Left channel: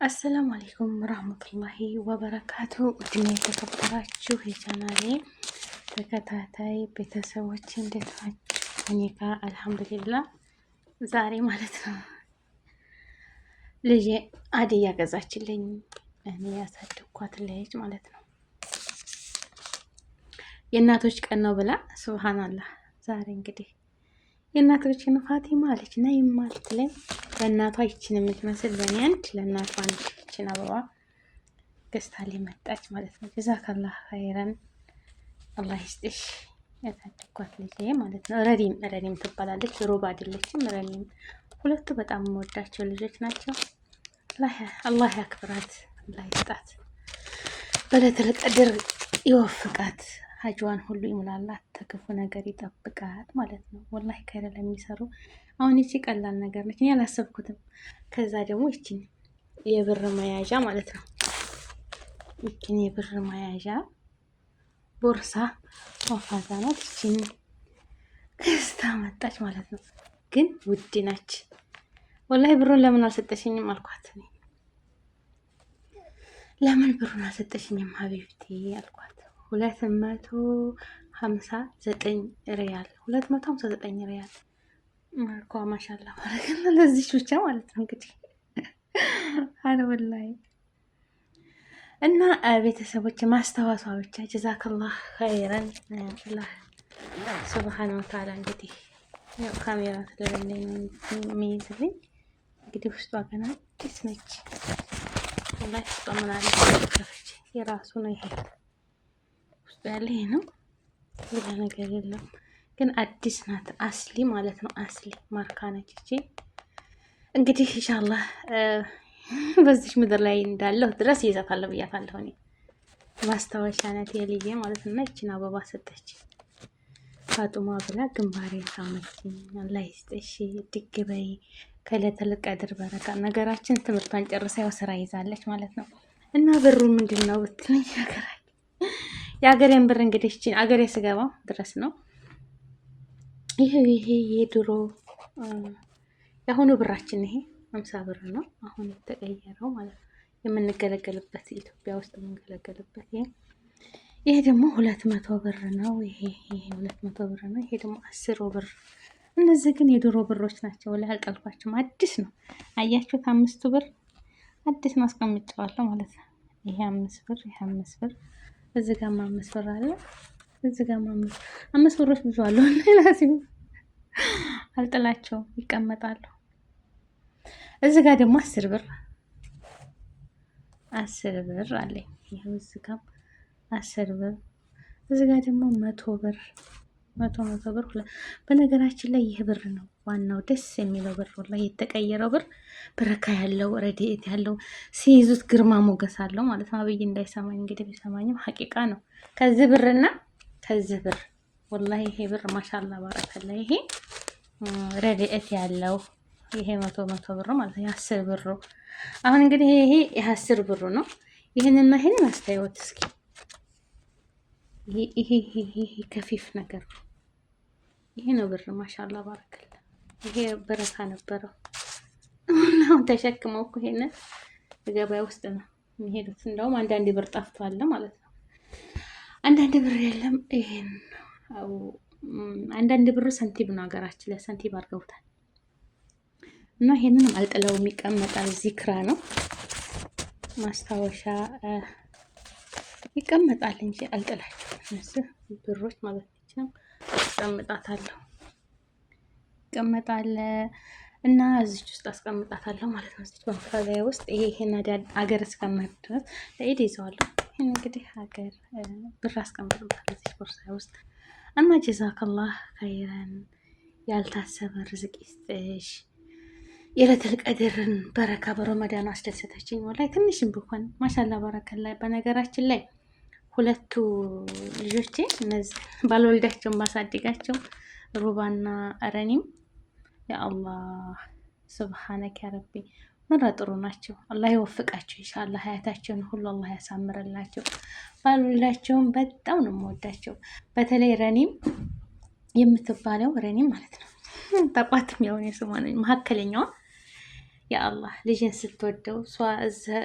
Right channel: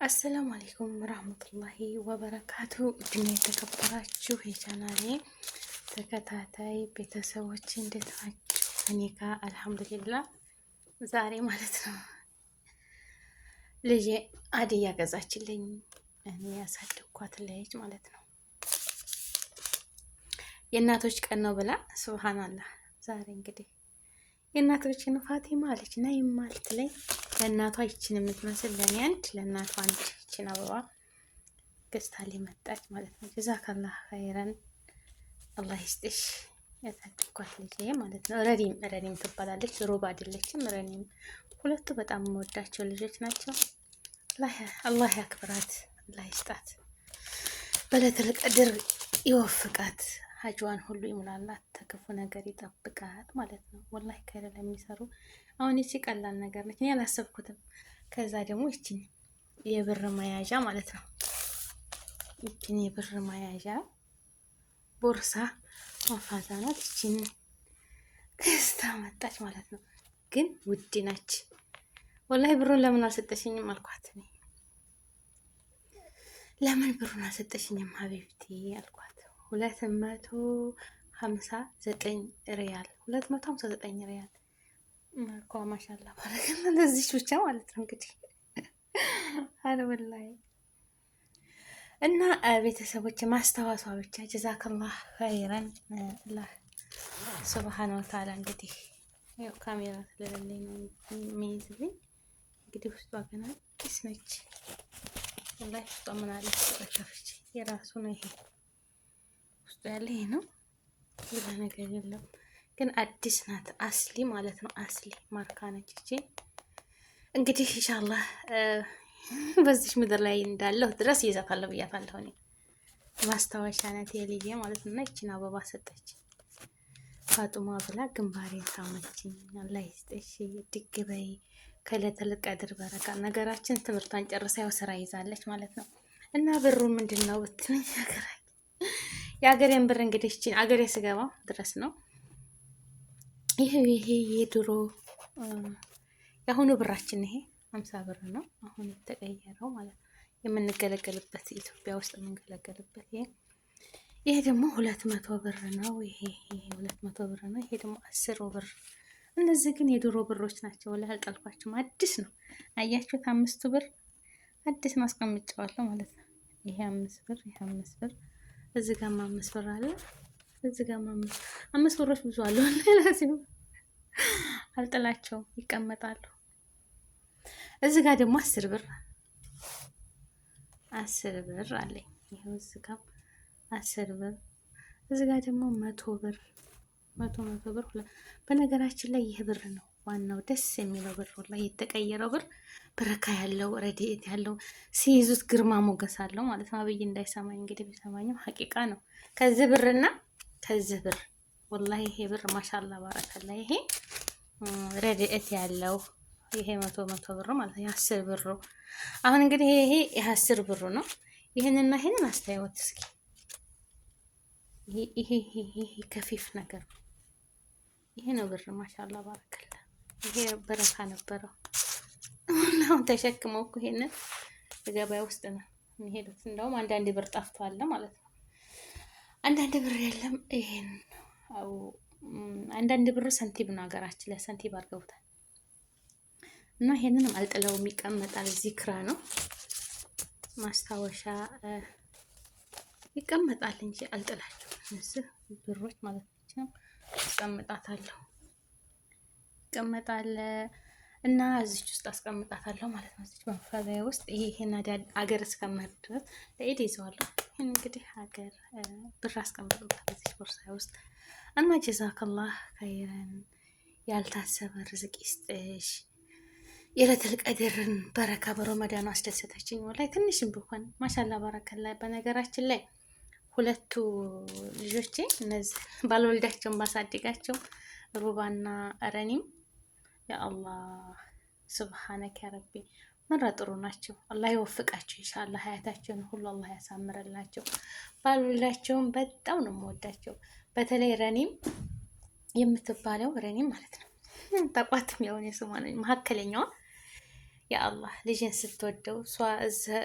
አሰላሙ አለይኩም ረህመቱላሂ ወበረካቱ። ውድና የተከበራችሁ የቻናሌ ተከታታይ ቤተሰቦች እንዴት ናችሁ? እኔ ጋር አልሐምዱሊላህ። ዛሬ ማለት ነው ልጄ አድያ ገዛችልኝ። እኔ ያሳደግኳት ልጅ ማለት ነው። የእናቶች ቀን ነው ብላ ሱብሃንአላህ። ዛሬ እንግዲህ የእናቶችን ፋቲማ አለች ነይማ ልትለኝ ለእናቷ ይችን የምትመስል ለእኔ አንድ ለእናቷ አንድ ይችን አበባ ገዝታልኝ መጣች ማለት ነው። ጀዛከላህ ኸይረን አላህ ይስጥሽ። ያሳደግኳት ልጅ ማለት ነው። ረዲም ትባላለች። ሮባ አይደለችም። ረዲም ሁለቱ በጣም የምወዳቸው ልጆች ናቸው። አላህ ያክብራት፣ አላህ ይስጣት፣ በለተል ቀድር ይወፍቃት፣ ሀጅዋን ሁሉ ይሙላላት፣ ተክፉ ነገር ይጠብቃት ማለት ነው። ወላሂ ከይረ ለሚሰሩ አሁን ይቺ ቀላል ነገር ነች፣ እኔ አላሰብኩትም። ከዛ ደግሞ ይቺን የብር መያዣ ማለት ነው። ይቺን የብር መያዣ ቦርሳ ወፋታ ናት። ይቺን ገዝታ መጣች ማለት ነው። ግን ውድ ናች። ወላሂ ብሩን ለምን አልሰጠሽኝም አልኳት። ለምን ብሩን አልሰጠሽኝም ሀቢብቲ አልኳት። 259 ሪያል 259 ሪያል እኮ ማሻአላ ባረከላ ለዚህ ብቻ ማለት ነው እንግዲህ አነ ወላሂ። እና ቤተሰቦች ማስታወሷ ብቻ ጀዛከላህ ኸይረን አላህ ሱብሃነሁ ወተዓላ። እንግዲህ ያው ካሜራ ስለሌለኝ ነው የሚይዝልኝ። እንግዲህ ውስጧ ገና አዲስ ነች። ወላሂ ውስጧ ምን አለ ከፍቼ የራሱ ነው ይሄ ውስጡ ያለ ይሄ ነው። ሌላ ነገር የለም። ግን አዲስ ናት። አስሊ ማለት ነው። አስሊ ማርካ ነች እቺ። እንግዲህ ኢንሻአላህ በዚህ ምድር ላይ እንዳለሁ ድረስ ይዛታለሁ ብያታለሁ። እኔ ማስታወሻነት የልዬ ማለት ነው። እና ይቺን አበባ ሰጠች ፋጡማ ብላ ግንባሬን ሳመችኝ። አላህ ይስጥሽ፣ ድግ በይ፣ ከለተል ቀድር በረካ። ነገራችን ትምህርቷን ጨርሳ ያው ስራ ይዛለች ማለት ነው። እና ብሩ ምንድን ነው ብትለኝ የአገሬን ብር እንግዲህ ይቺን አገሬ ስገባ ድረስ ነው። ይሄ የድሮ የአሁኑ ብራችን ይሄ 50 ብር ነው። አሁን የተቀየረው ማለት ነው የምንገለገልበት ኢትዮጵያ ውስጥ የምንገለገልበት። ይሄ ደግሞ 200 ብር ነው። ይሄ 200 ብር ነው። ይሄ ደግሞ 10 ብር። እነዚህ ግን የድሮ ብሮች ናቸው። ላይ አልጠልኳቸውም። አዲስ ነው። አያችሁት? 5 ብር አዲስ ነው። አስቀምጨዋለሁ ማለት ነው። ይሄ 5 ብር፣ ይሄ 5 ብር፣ እዚህ ጋር 5 ብር አለ። እዚህ ጋር 5 ብሮች ብዙ አሉ። ለዚህ አልጥላቸውም፣ ይቀመጣሉ። እዚህ ጋር ደግሞ 10 ብር 10 ብር አለኝ። ይሄው እዚህ ጋር 10 ብር፣ እዚህ ጋር ደግሞ 100 ብር 100 ብር። በነገራችን ላይ ይህ ብር ነው ዋናው ደስ የሚለው ብር ላይ የተቀየረው ብር በረካ ያለው ረድኤት ያለው ሲይዙት ግርማ ሞገስ አለው ማለት ነው። አብይ እንዳይሰማኝ እንግዲህ ቢሰማኝም ሐቂቃ ነው። ከዚህ ብርና ከዚህ ብር ወላሂ ይሄ ብር ማሻአላ ባረከላ። ይሄ ረድኤት ያለው ይሄ 100 ብር ማለት ነው። 10 ብሩ አሁን እንግዲህ ይሄ የ10 ብሩ ነው። ይሄንና ይሄን አስተያየት እስኪ ይሄ ከፊፍ ነገር ይሄ ነው ብር ማሻአላ ባረከላ። ይሄ በረካ ነበረው። አሁን ተሸክመው እኮ ይሄንን ገበያ ውስጥ ነው የሚሄዱት። እንደውም አንዳንድ ብር ጠፍቷል ማለት ነው። አንዳንድ ብር የለም። ይሄን አንዳንድ ብር ሰንቲም ነው ሀገራችን ላይ ሰንቲም አድርገውታል። እና ይሄንን አልጥለውም ይቀመጣል። ዚክራ ነው ማስታወሻ ይቀመጣል እንጂ አልጥላቸውም። እነዚህ ብሮች ማለት ነው አስቀምጣታለሁ ይቀመጣል እና እዚች ውስጥ አስቀምጣታለሁ ማለት ነው። እዚች ባንካዛያ ውስጥ ይሄን አገር እስከመሄድ ድረስ ለኢድ ይዘዋለሁ። ይሄን እንግዲህ ሀገር ብር አስቀምጣታለሁ እዚች ቦርሳ ውስጥ እና ጀዛከላህ ኸይረን ያልታሰበ ርዝቅ ይስጥሽ። የለተል ቀድርን በረካ በረመዳን አስደሰተችኝ። ወላሂ ትንሽም ቢሆን ማሻላ ባረከላ። በነገራችን ላይ ሁለቱ ልጆቼ እነዚህ ባልወልዳቸውም ባሳድጋቸው ሩባና ረኒም ያአላህ ሱብሃነክ ያ ረቢ ምራ ጥሩ ናቸው። አላህ ይወፍቃቸው ኢንሻአላህ። ሀያታቸውን ሁሉ አላህ ያሳምርላቸው። ባልወልዳቸውም በጣም ነው የምወዳቸው። በተለይ ረኒም የምትባለው ረኒም ማለት ነው ተቋትም ያው የስሟ ነው መካከለኛዋ ያአላህ ልጅን ስትወደው እሷ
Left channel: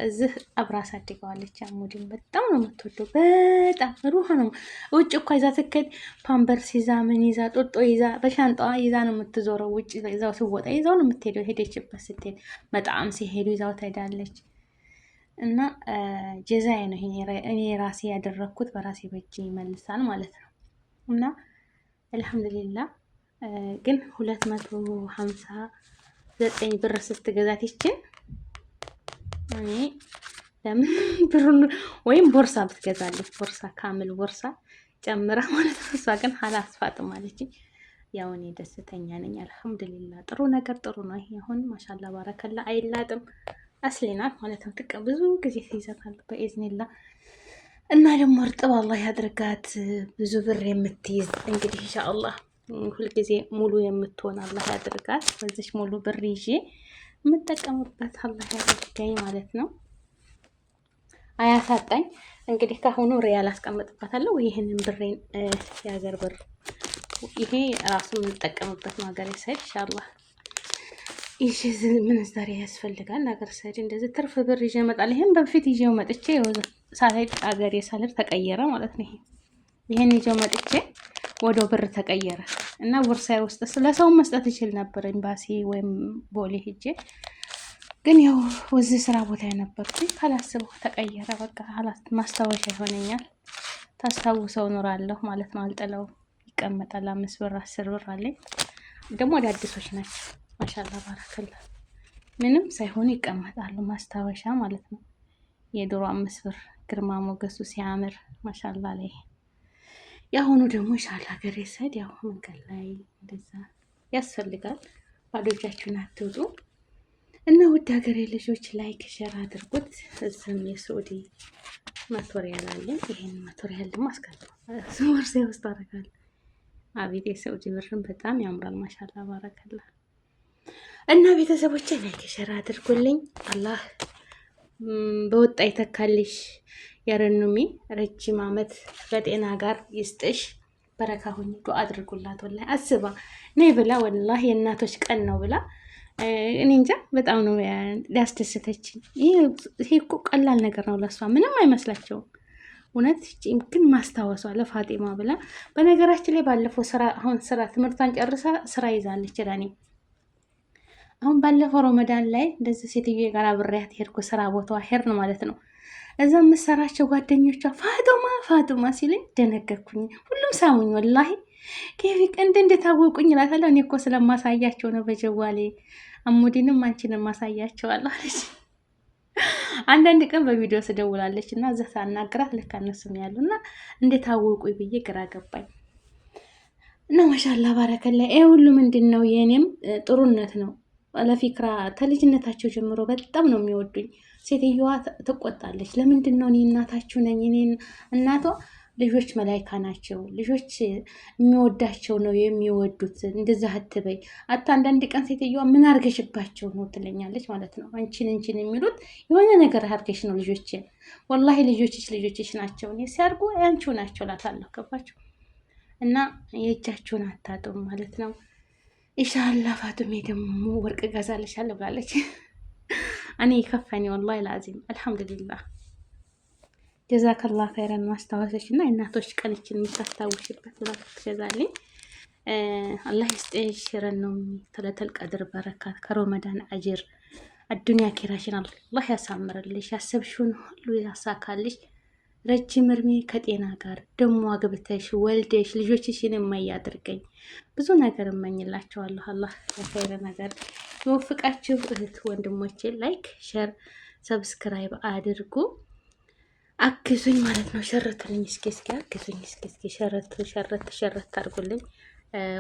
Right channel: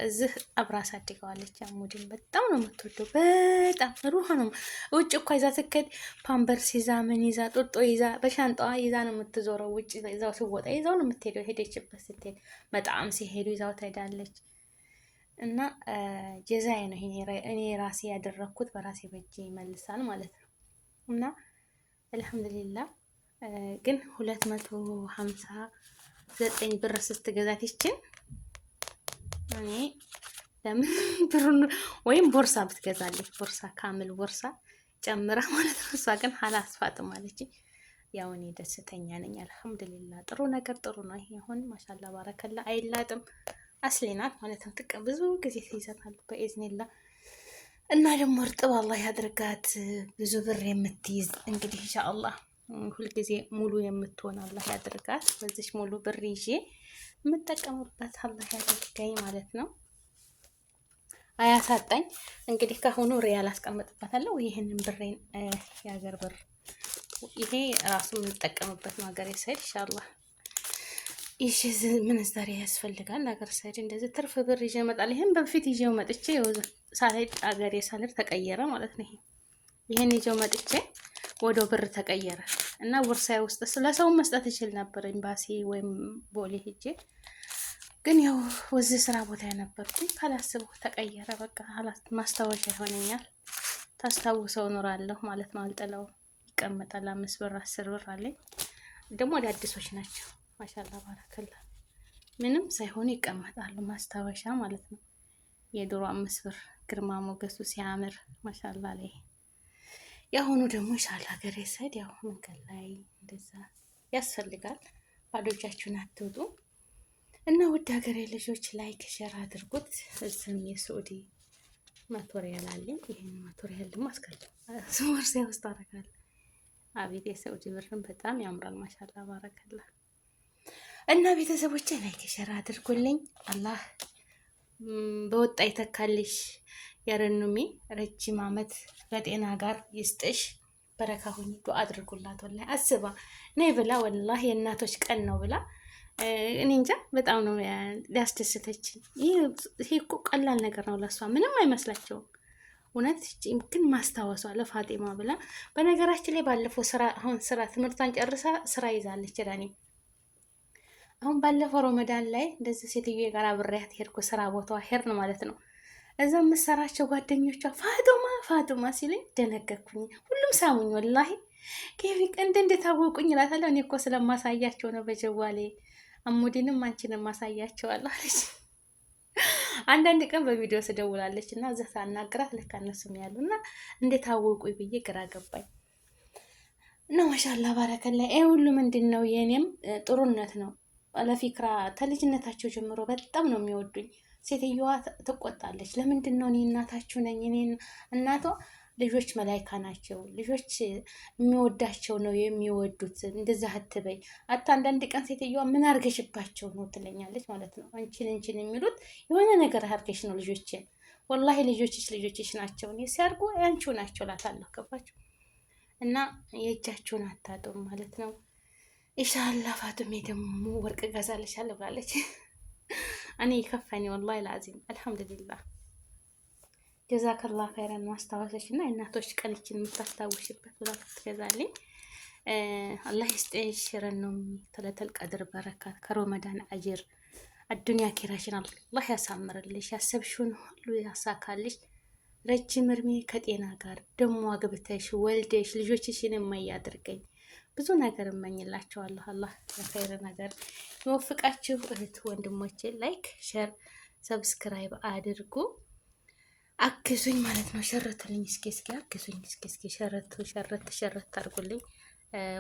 እዚህ አብራ አሳድገዋለች። አሙድን በጣም ነው የምትወደው። በጣም ሩህ ነው። ውጭ እኮ ይዛ ትከድ ፓምፐርስ ይዛ ምን ይዛ ጦጦ ይዛ በሻንጣዋ ይዛ ነው የምትዞረው። ውጭ ይዛው ሲወጣ ይዛው ነው የምትሄደው። ሄደችበት ስትሄድ በጣም ሲሄዱ ይዛው ትሄዳለች። እና ጀዛዬ ነው እኔ ራሴ ያደረግኩት በራሴ በእጅ ይመልሳል ማለት ነው። እና አልሐምዱሊላህ ግን 259 ብር ስትገዛት ይችን እኔ ለምን ብሩን ወይም ቦርሳ ብትገዛለች ቦርሳ ካምል ቦርሳ ጨምራ ማለት ነው። እሷ ግን አላስፋጥም አለች። ያው እኔ ደስተኛ ነኝ አልሐምዱሊላህ። ጥሩ ነገር ጥሩ ነው። ይሄ አሁን ማሻአላ ባረከላ አይላጥም አስሌናት ማለት ነው። ጥቅ ብዙ ጊዜ ትይዛታል በኢዝኒላ እና ደግሞ እርጥብ አላህ ያድርጋት ብዙ ብር የምትይዝ እንግዲህ ኢንሻአላህ ሁልጊዜ ሙሉ የምትሆን አላህ ያድርጋት። በዚች ሙሉ ብር ይዤ የምጠቀምበት አላህ ያድርገኝ ማለት ነው። አያሳጣኝ። እንግዲህ ካሁኑ ሪያል አስቀምጥበታለሁ። ይህንን ብሬን የሀገር ብር ይሄ ራሱ የምንጠቀምበት ነው። ሀገር ሰድ ኢንሻአላህ ይሄ ምንዛሬ ያስፈልጋል። ሀገር ሰድ እንደዚህ ትርፍ ብር ይዤ እመጣለሁ። ይሄን በፊት ይዤው መጥቼ ሳይድ ሀገር የሳልር ተቀየረ ማለት ነው። ይሄን ይዤው መጥቼ ወደ ብር ተቀየረ እና ቦርሳዬ ውስጥ ስለሰው መስጠት ይችል ነበር ኤምባሲ ወይም ቦሌ ሄጄ፣ ግን ያው ወዚህ ስራ ቦታ የነበርኩኝ ካላስበው ተቀየረ። በቃ ማስታወሻ ይሆነኛል። ታስታውሰው ኖራለሁ ማለት ነው። አልጥለው ይቀመጣል። 5 ብር 10 ብር አለኝ። ደግሞ አዳዲሶች ናቸው። ማሻአላ ባረከላ ምንም ሳይሆኑ ይቀመጣሉ። ማስታወሻ ማለት ነው። የድሮ 5 ብር ግርማ ሞገሱ ሲያምር ማሻአላ ላይ የአሁኑ ደግሞ ሻል ሀገር የሰድ ያው መንገድ ላይ እንደዛ ያስፈልጋል። ባዶ እጃችሁን አትውጡ እና ውድ ሀገሬ ልጆች ላይክ ሸር አድርጉት። እዚህም የሳዑዲ ማቶሪያል አለኝ። ይሄን ማቶሪያል ደግሞ አስቀርቷል ቦርሳ ውስጥ አደርጋለሁ። አቤት የሳዑዲ ብርን በጣም ያምራል። ማሻአላ ባረከላ እና ቤተሰቦቼ ላይክ ሸር አድርጉልኝ። አላህ በወጣ ይተካልሽ። ያረኑሚ ረጅም አመት በጤና ጋር ይስጥሽ። በረካ ሁኚ። ዱአ አድርጉላት። ወላሂ አስባ ነይ ብላ ወላሂ የእናቶች ቀን ነው ብላ እኔ እንጃ በጣም ነው ሊያስደስተችኝ። ይሄ እኮ ቀላል ነገር ነው ለሷ ምንም አይመስላቸውም። እውነት ግን ማስታወሷ ለፋጢማ ብላ በነገራችን ላይ ባለፈው ስራ ትምህርቷን ጨርሳ ስራ ይዛለች። ለኔ አሁን ባለፈው ረመዳን ላይ እንደዚህ ሴትዮ ጋር አብሬያት ሄድኩ። ስራ ቦታዋ ሄድን ማለት ነው። እዛ የምሰራቸው ጓደኞቿ ፋጡማ ሲለኝ ደነገርኩኝ። ሁሉም ሳሙኝ ወላሂ ከፊ ቀንድ እንደታወቁኝ እላታለሁ። እኔ እኮ ስለማሳያቸው ነው በጀዋሌ አሙዲንም አንቺንም ማሳያቸዋለሁ አለች። አንዳንድ ቀን በቪዲዮ ስደውላለች እና እዛ ሳናግራት ለካ እነሱም ያሉና እንደታወቁ ብዬ ግራ ገባኝ። እና ማሻአላ ባረከላ ይሄ ሁሉ ምንድን ነው? የኔም ጥሩነት ነው። ለፊክራ ከልጅነታቸው ጀምሮ በጣም ነው የሚወዱኝ። ሴትዮዋ ትቆጣለች። ለምንድን ነው እኔ እናታችሁ ነኝ። እኔ እናቷ ልጆች መላይካ ናቸው። ልጆች የሚወዳቸው ነው የሚወዱት። እንደዛ አትበይ። አንዳንድ ቀን ሴትዮዋ ምን አርገሽባቸው ነው ትለኛለች ማለት ነው። አንቺን የሚሉት የሆነ ነገር አርገሽ ነው ልጆች። ወላሂ ልጆችሽ ናቸው። እኔ ሲያርጉ ያንቺው ናቸው እላታለሁ። ገባችሁ? እና የእጃችሁን አታጡም ማለት ነው። ኢንሻአላህ ፋጡሜ ደግሞ ወርቅ ገዛልሻለሁ ብላለች። እኔ ከፈኒ ወላሂ ላዚም አልሐምዱሊላህ። ጀዛከላህ ኸይረን ማስታወሰሽ እና እናቶች ቀንችን የምታስታውሽበት ብላ ትገዛልኝ። አላህ ይስጥሽ። ረነው ተለተል ቀድር በረካት ከረመዳን አጅር አዱንያ ኪራሽን አላህ ያሳምርልሽ። ያሰብሽውን ሁሉ ያሳካልሽ። ረጅም እድሜ ከጤና ጋር ደግሞ አግብተሽ ወልደሽ ልጆችሽን የማያድርገኝ ብዙ ነገር እመኝላቸዋለሁ። አላህ ለኸይረ ነገር ይወፍቃችሁ። እህት ወንድሞቼ ላይክ ሸር ሰብስክራይብ አድርጉ። አግዙኝ ማለት ነው። ሸረትልኝ እስኪ አግዙኝ እስኪ ሸረት አድርጉልኝ።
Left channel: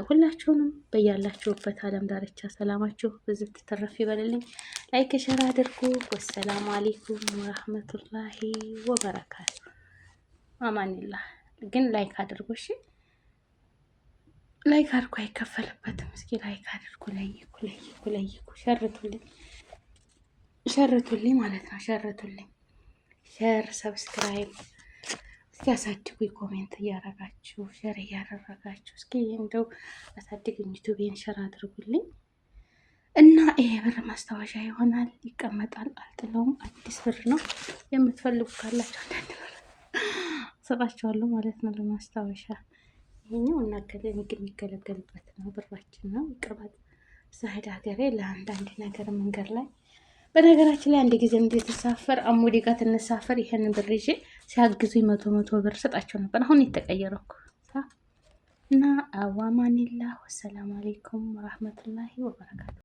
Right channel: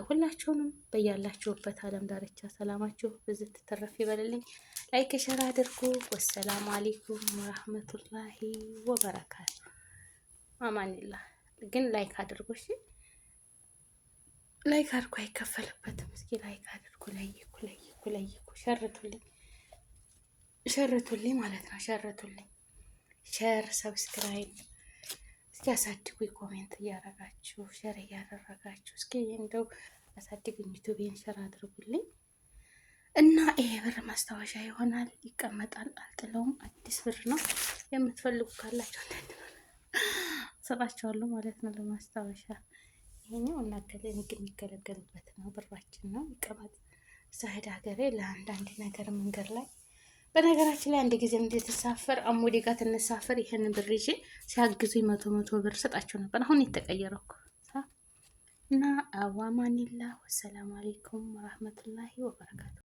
ሁላችሁንም በያላችሁበት ዓለም ዳርቻ ሰላማችሁ ብዝት ተረፍ ይበልልኝ። ላይክ ሸር አድርጉ። ወሰላሙ አለይኩም ወራህመቱላሂ ወበረካቱ። አማኒላህ ግን ላይክ አድርጉ እሺ። ላይክ አድርጉ፣ አይከፈልበትም። እስኪ ላይክ አድርጉ። ለይኩ ሸርቱልኝ ማለት ነው። ሸርቱልኝ ሸር ሰብስክራይብ እስኪ አሳድጉ። ኮሜንት እያረጋችሁ ሸር እያደረጋችሁ እስኪ እንደው አሳድጉኝ። ዩቲዩብን ሸር አድርጉልኝ እና ይሄ ብር ማስታወሻ ይሆናል፣ ይቀመጣል፣ አልጥለውም። አዲስ ብር ነው። የምትፈልጉ ካላችሁ አንዳንድ ብር ሰጣችኋለሁ ማለት ነው ለማስታወሻ። ይሄኛው የሚገለገልበት ነው፣ ብራችን ነው፣ ይቀመጥ። ሳሄድ ሀገሬ ለአንዳንድ ነገር መንገድ ላይ በነገራችን ላይ አንድ ጊዜ እንድትሳፈር አሙዲ ጋር ትንሳፈር ይሄንን ብር ይዤ ሲያግዙኝ መቶ ብር ሰጣቸው ነበር። አሁን የተቀየረው እና አዋማኒላ ወሰላሙ አሌይኩም ወራህመቱላሂ ወበረካቱ።